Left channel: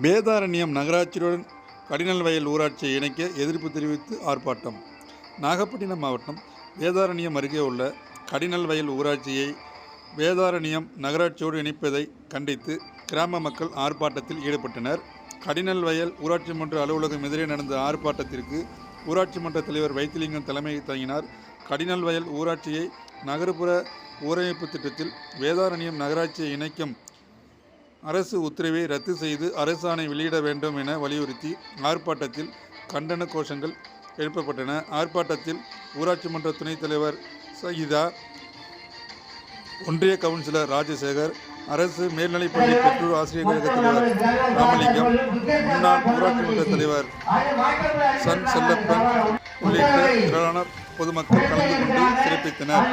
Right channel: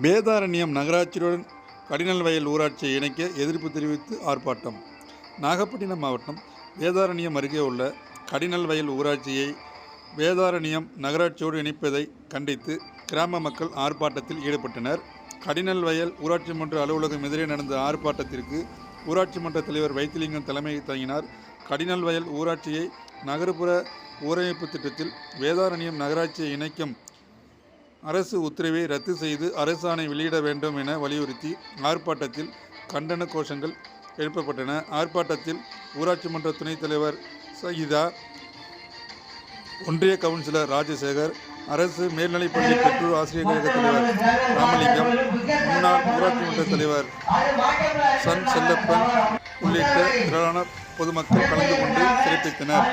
வேதாரண்யம் நகராட்சியுடன் கடினல்வயல் ஊராட்சியை இணைக்க எதிர்ப்பு தெரிவித்து ஆர்ப்பாட்டம். நாகப்பட்டினம் மாவட்டம் வேதாரண்யம் அருகே உள்ள கடினல்வயல் ஊராட்சியை வேதாரண்யம் நகராட்சியோடு இணைப்பதை கண்டித்து கிராம மக்கள் ஆர்ப்பாட்டத்தில் ஈடுபட்டனர். கடினல்வயல் ஊராட்சி மன்ற அலுவலகம் எதிரே நடந்த ஆர்ப்பாட்டத்திற்கு ஊராட்சி மன்ற தலைவர் வைத்திலிங்கம் தலைமை தாங்கினார். கடினல்வயல் ஊராட்சியை நகர்ப்புற ஊரமைப்பு திட்டத்தில் வேதாரண்யம் நகராட்சியை இணைக்கும் அரசு உத்தரவை ரத்து செய்து அரசாணை வெளியிட வேண்டும் என வலியுறுத்தி ஆர்ப்பாட்டத்தில் கண்டன கோஷங்கள் எழுப்பப்பட்டன. ஆர்ப்பாட்டத்தில் ஊராட்சி மன்ற துணைத் தலைவர் சகிதா, ஒன்றிய கவுன்சிலர் ராஜசேகர், அரசு மேல்நிலைப்பள்ளி பெற்றோர் ஆசிரியர் கழக தலைவர் ராமலிங்கம், முன்னாள் ஊராட்சி மன்ற தலைவர் சன் செல்லப்பன் உள்ளிட்ட திரளான பொதுமக்கள் கலந்து கொண்டு சிறப்பித்தனர்.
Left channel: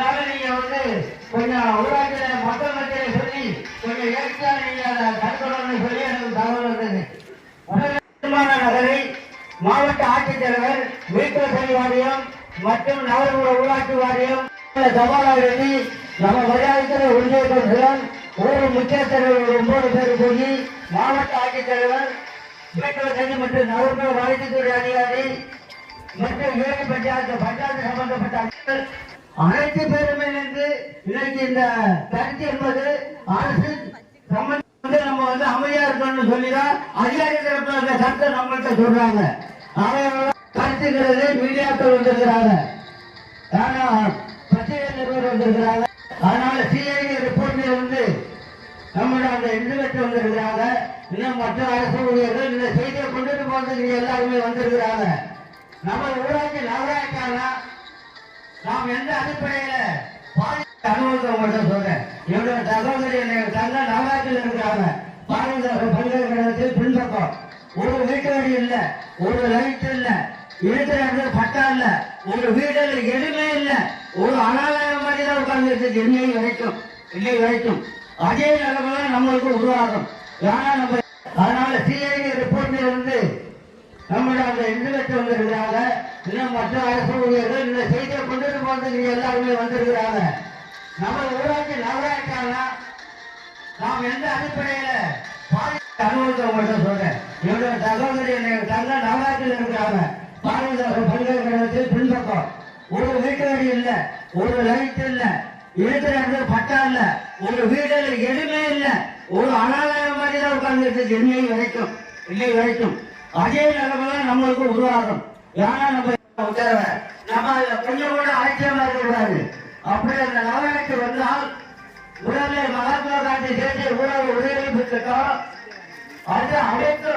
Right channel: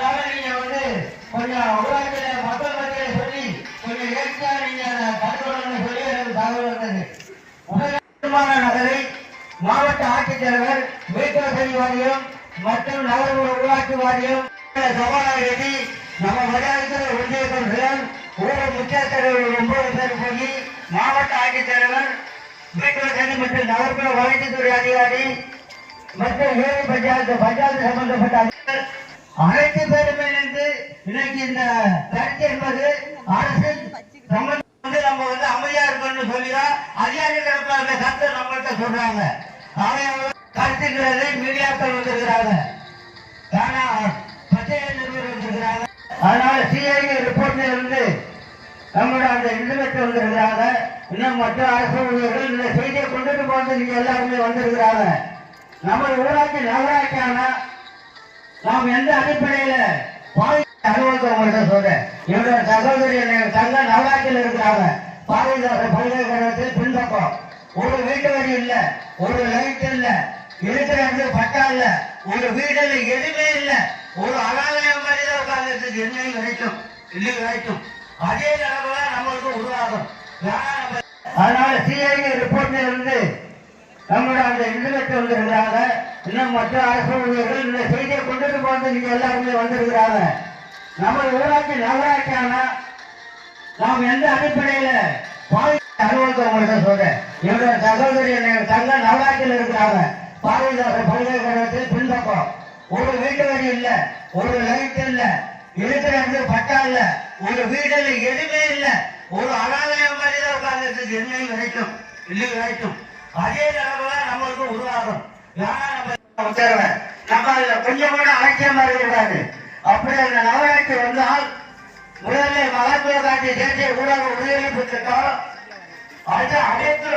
மாவட்ட ஆட்சித்தலைவர், வீட்டுவசதி வாரியம் மற்றும் நகர்ப்புற ஊராட்சி வாரியம் சபாநாயகி, நம்ம மரியாதைக்குரிய ஒன்றிய கவுன்சிலர், ஊர் முக்கிய தலைவர் 9 பேர் போய் மாவட்ட ஆட்சித்தலைவர், வீட்டுவசதி மற்றும் நகர்ப்புற வளர்ச்சித்துறை அதிகாரி மற்றும் ஏழை பஞ்சாயத்து சம்பந்தப்பட்ட அனைத்து பேருமே இணைந்து இன்னைக்கு இந்த கருத்து என்பது அரசு நம்ம அமைதியா இருக்கணும்னு சொல்லிதான் அதிகாரிகள் கருத்தை நம்மள்கிட்ட சொல்றாங்க. கருத்துக்களை மீடியாக்கள் வந்திருக்கிறாங்க, பத்திரிகை நிறுவனம் வந்திருக்கிறாங்க. அதனால சிஐடி ரிப்போர்ட்ல இருந்து நம்மளோட அந்த இன்டர்நெட் வந்திருக்கிறாங்க. இன்னும் மற்ற அரசு ஊழியர்கள் இந்த செய்தியை கொண்டுட்டு போறது நீங்க எல்லாருமே வந்திருக்கிறாங்க. நம்ம ஊராட்சி நகராட்சியான நாம் எந்த அடிப்படையில அலுவலகத்தை சொல்றேன். இவரோட சகோதரி தங்க நவராட்சியில் இருக்கிறாங்க. பாரதிதாசன் பல்கலைக்கழகத்தில் பின்பக்கம் ஒரு வீட்டு வரி இல்ல, ஒரு லைட் இல்ல, இருக்கிற பட்டா இல்ல, ஒரு வீடுல எதுவுமே இல்ல, ஒரு அனாலயம் மாதிரி தான் உட்கார்ந்து இன்னைக்கு வரைக்கும் அதே நிலைமை நம்மளுக்கு உருவாகும். அதனால சிஐடி ரிப்போர்ட்ல இருந்து நம்மளோட அந்த இன்டர்நெட் வந்திருக்கிறாங்க. இன்னும் மற்ற அரசு ஊழியர்கள் இந்த செய்தியை கொண்டுட்டு போறது நீங்க எல்லாருமே வந்திருக்கிறாங்க. நம்ம ஊராட்சி நகராட்சியான நாம் எந்த அடிப்படையில அலுவலகத்தை சொல்றேன். இவரோட சகோதரி தங்க நவராட்சியில் இருக்கிறாங்க. பாரதிதாசன் பல்கலைக்கழகத்தில் பின்பக்கம் ஒரு வீட்டு வரி இல்ல, ஒரு லைட் இல்ல, இருக்கிற பட்டா இல்ல, ஒரு வீடுல எதுவுமே இல்ல, ஒரு அனாலயம் மாதிரி தான் உட்கார்ந்து இன்னைக்கு வரைக்கும் அதே நிலைமை நம்மளுக்கு உருவாகும். ஏன்னா நம்ம கொஞ்சம் கூட ஆட்சியமா இருக்கக்கூடாது. அப்படி அந்த நகராட்சி வந்தால் முதலில் மகாத்மா காந்தி தேசிய ஊரக உதவி திட்டம் அனைத்து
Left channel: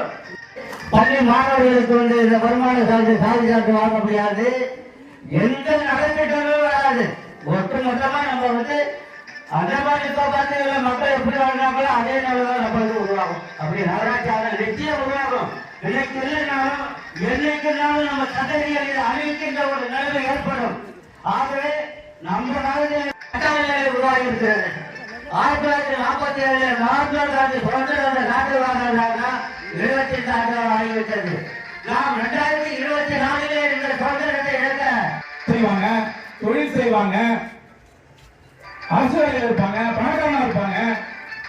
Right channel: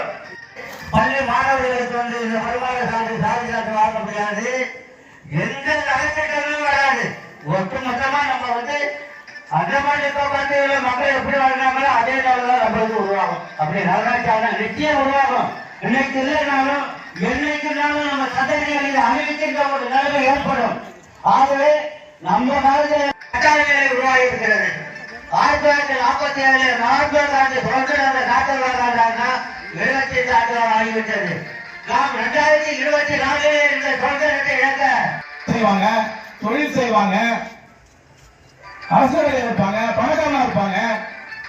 பள்ளி மாணவர்களுக்கு இந்த வருமான சான்று சான்று வாங்க முடியாது. எந்த நலத்திட்டங்களும் வராது. ஒட்டுமொத்தமா நம்ம அந்த மாதிரி மக்கள் எப்படி வாழ்றாங்களோ அதே நிலைதான் நம்மளுக்கு உருவாகும். அப்படி நகராட்சி நிச்சயம் உருவாகும். இன்னைக்கு இல்லைனாலும் என்னைக்குனாலும் நம்ம சந்ததிகளில் அமைக்கின்ற ஒரு நிலைமை ஏற்படும். ஆகவே நம்ம காலத்தில் நிலை உருவாகி இருக்கிறது. 1947 மகாத்மா காந்தி சுதந்திர காட்டு விழாங்க 25 ஆண்டுகள் ஆகிவிட்டது. நாம் 2024 இந்த சுதந்திரத்தை இழக்க செய்வாங்க, தொழில் செய்வாங்க, அரசு வேலையில் இருப்பாங்க, பணக்காரனா இருப்பாங்க,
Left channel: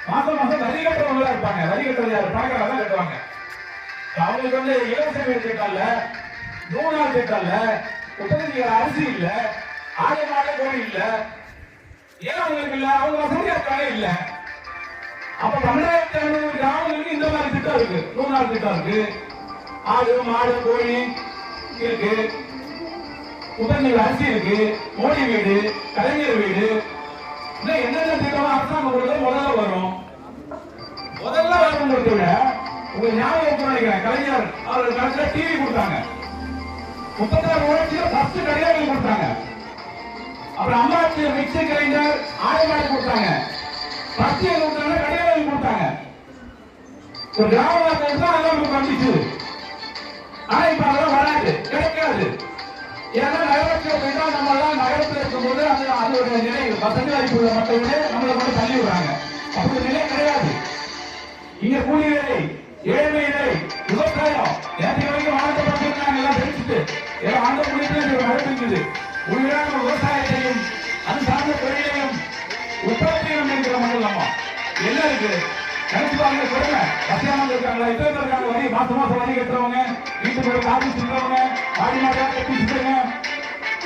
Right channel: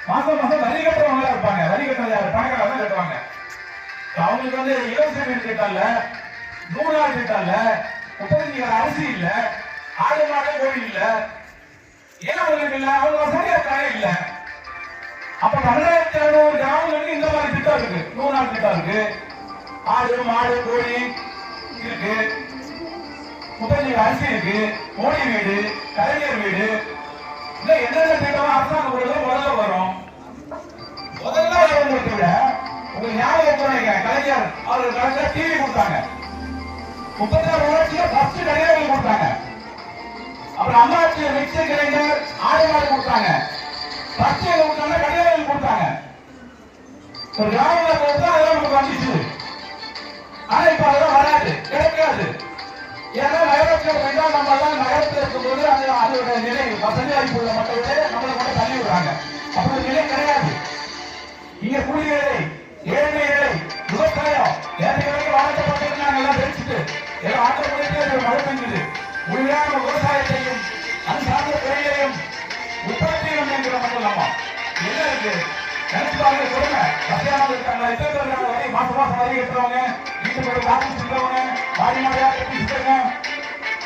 மாசம் வரி கட்டுறவங்களா இருப்பாங்க. வரி கட்டுறது பணக்காரா தான் கட்டுவாங்க. அவங்களுக்கு இலவச வீடு திட்டம் இல்ல, 3 நாள் திட்டம் இல்ல, உற்பத்தி அரிசி இல்ல, ஆடு மாடு கோழி இல்ல, ஏன் அவங்களுக்கு இல்ல? அவங்க வசதியா இருக்காங்க இல்ல. அப்ப 2500 கிராமங்களுக்கு இந்த மாதிரி திட்டம் இருக்கு. 3 நாள் திட்டம் இருக்கு, ஆடு மாடு கோழி இருக்கு, உற்பத்தி அரிசி இருக்கு, மோடி வீடு, கலைஞர் வீடு, என்னென்ன திட்டமா அரசாங்கம் முதல்ல வரும். முதல்ல வரவங்களுக்கு விட உங்களுக்கு ஞாபகம் கலைஞர் அவர்கள் கலைஞர் டிவி கொடுத்தாங்க. 36 ஊராட்சியில பஸ் கடையாளர்கள் கொடுத்தாங்க. அப்புறம் அம்மாட்சியை மிக்சி கிரைண்டர் ஆடு மாடு கொடுத்தாங்க. பஸ்டியை கொடுத்தாங்க, கடையாளர்கள் கொடுத்தாங்க. ஒரு கிராமத்தில் கொடுத்தா அதெல்லாம் நமக்கு வந்துச்சு. ஆனா இப்ப அதெல்லாம் வராது, கிடைக்காது. ஏன்னா நகரத்தில் போயிட்டா நம்ம தான் நகரத்தில் இருக்கும்போது அதோட நிலை வசதி வாய்ப்பு மக்களே நம்மளை மட்டும் தள்ளிடுறாங்க. அப்படி நிலை கிடையாது. இங்க கூலி வேலை, ஏழை வேலை, விவசாயம் நேற்று வரைக்கும் வாழ்க்கப்பட்டிருக்காங்க. எல்லாம் தெரிஞ்சுட்டு ஆண்டு முடிப்பில் நடத்துகிறது. உண்மையான விவசாயத்தையும் அது சார்ந்த தொழிலையும் உற்பத்தியும் என்கிற மாதிரி நம்ம என்ன இருக்கு நினைச்சு பாருங்க. சொல்லுங்க, இருக்காங்க ஜாதி சொல்றவங்க ஆடினாரியா கட்டி சொல்றவங்க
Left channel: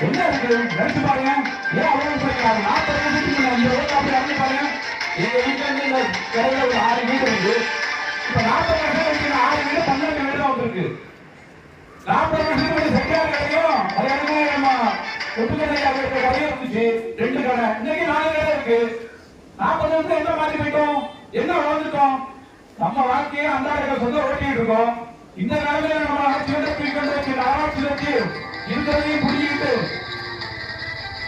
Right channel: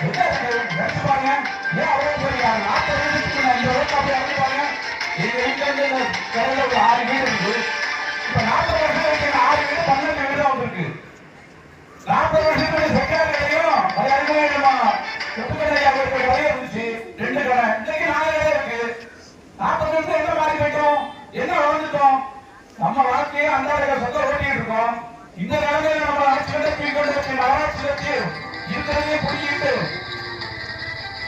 என்ன இருக்கு நினைச்சு பாருங்க. ஏன் அவ்வளவு சொல்றாங்க 40 வருஷத்துக்கு இந்த அப்படி அப்படி பாருங்க. எங்க வீட்டுல இருந்து ஒரு 6 வீடு இருக்கு. இப்ப 40 வருஷத்துக்கு 6 வீடு 12 வீடு தான் இருக்கு. 40 வருஷத்துக்கு சொன்னாங்க தெரியும். அது அறிமுகமா ஒப்புக்கடையா வரைய இருந்துச்சு 2 கடை. இன்னைக்கு 4 கடை இருக்கு. 40 வருஷம் என்ன மாதிரி போயிட்டோம், என்ன வளர்ந்துட்டோம். நம்ம வாழ்க்கையை அன்றாட சொந்த ஓட்டிட்டு இருக்கோம். இந்த காலத்துல நம்ம ஆட்சி நடத்தி நகராட்சி வச்சு இருக்கிறதையும் புரிஞ்சுக்கிட்டு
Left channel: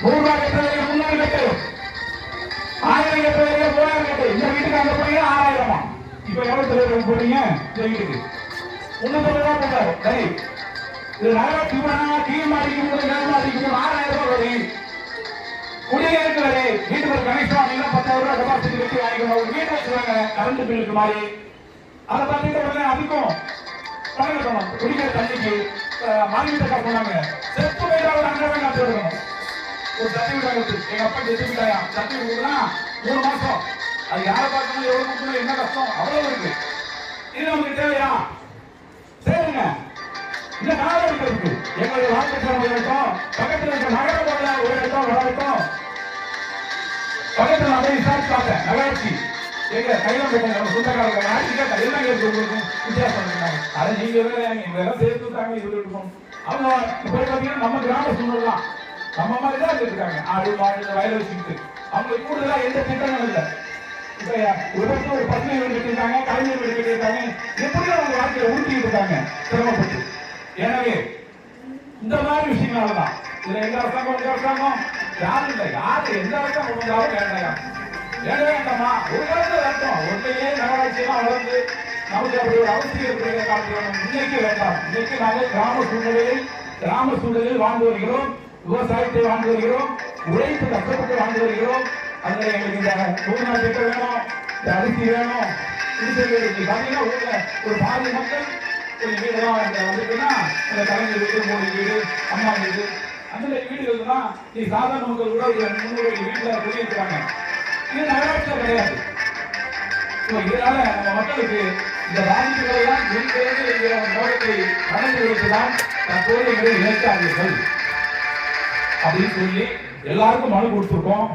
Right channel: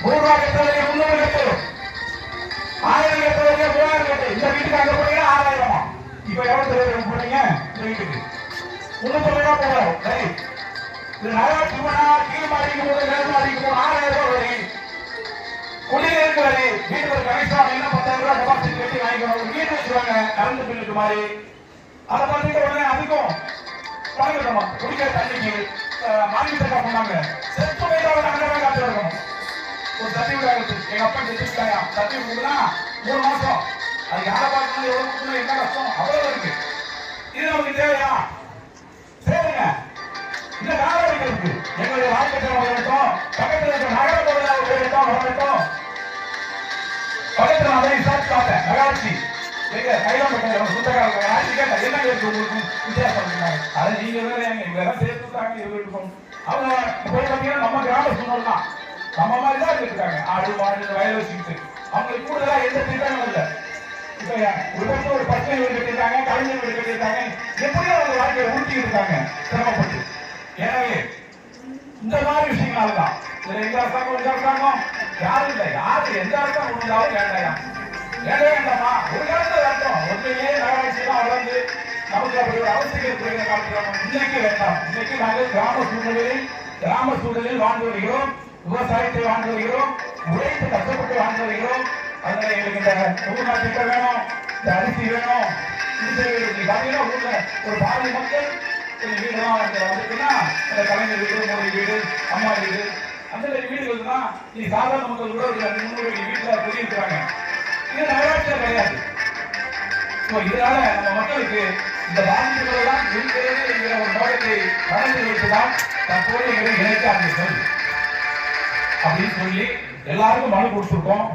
3 கட்டளையை முன்னெடுத்து 1000 கட்டளையை 3000 கட்டளை இந்த வீட்டுக்கு அங்க போய் 6000. இப்ப எவ்வளவு தலைவர் போறீங்க இந்த வீட்டுக்கு 300 ரூபாய் போறாரு. சரி, இது நகராட்சி கீழ் மாடிக்கு மேல் மாடிக்கு 6000 ரூபாய் வரி. குடிநீருக்கு வரி, வீட்டுக்கு ஒரு கணேசா 10,000 ரூபாய் டெபாசிட் வச்சு வாங்கிக்கணும். வீட்டு வச்சுருவாங்க கரண்ட் பில்லுக்கு மாதிரி. அதை பார்த்துட்டு உடனே அதுக்கும் பணம் கட்டணும். குடிக்கிற தண்ணிக்கு மாநில பண்ணாங்க. செத்து ஒரு 2 ரூபாய் காசு இருக்கணும். ஒரு சர்டிபிகேட் ஆயிடுச்சு. எங்க அப்பா செத்துக்கிட்டாங்க. சர்டிபிகேட்னா 3 மாசம். அது யாரை பார்க்கணும், எவ்வளவு என்ன கஷ்டம் அவ்வளவு இருக்கு. இது நமக்கு தேவையா? சரிங்க, இந்த நாகரிகம் இருக்கு. எங்களுடைய வாழ்க்கை இருக்கும். பக்கத்தில் இருக்க நகரத்தோட ஒரு இடத்தோம் வளர்த்தோம். பக்கத்தில் அதை விசாரிச்சாங்க நகராட்சி எங்க கையில் சுத்தக்காரங்க ஆட்சி கேட்ட என்ன கேட்டு உங்களுக்கு வித்தியாசம் அதை நீங்க இதெல்லாம் சேர்த்துட்டாங்க. இவங்க அவங்க இப்போ பார்த்தீங்கன்னா நம்ம கிராம சூழல்லாம் நம்ம மாதிரி தான் இருக்காங்க. ஆடு மாடு வயல் வச்சுக்கிட்டு அவங்க கூடுதலா எந்த திட்டமும் இல்லை. இப்போ ஒரு பிரச்சனை எடுத்துருக்காங்க, கலைஞர் எடுத்துருக்காங்க. எப்படியும் அவங்க வாழ்க்கையை ஊட்டிட்டு இருக்காங்க சிரமப்பட்டு. எனவே இந்த மாதிரி விஷயங்கள் தான் இதுல எங்க அரசாங்கம் யாரும் இல்லை. யாரு எந்த அரசாங்கம் இருந்தாலும் வேண்டாம் வேண்டாமா. ஒரு காலத்துல வேண்டாம். ஒன்றையே நகராட்சி தான் வளர்ந்து நமக்கு அப்படி ஒரு அவசியம் இருக்கிற இன்னைக்கு வேண்டாம். இன்னைக்கு நாங்கள் கிராம சூழலில் வாழ்ந்து வருகிறோம். விவசாயத்தை வாழ்ந்து வருகிறோம். உழைப்பு கஷ்டப்பட்டு வாழ்ந்து வருகிறோம். அதனால எங்களுக்கு இந்த குடும்ப திட்டம் வேணும், இந்த அரிசி வேணும். இது பார்த்தீங்கன்னா ஊர்ல ஒரு பாதி மக்கள் வீடுலாம் வந்துட்டுன்னா அந்த கலைஞர் வீடு, மோடி வீடு, அம்மா வீடு, அந்த வீடுகள் தான் நீ சாதாரண மக்கள் கூட ஒரு 300 வீட்டில் சொல்லியிருக்கிறாங்க. இது நகராட்சியில் கிடையாது. இதனால நம்ம மக்களுக்கு இந்த ராஜ்யங்களை தான் விவாதத்தை நடந்து வைத்துதான் தற்போது எங்களை இணைக்காதீர்கள் அப்படின்னு சொல்லி எல்லாருக்கும் மனு கொடுத்திருக்கோம்.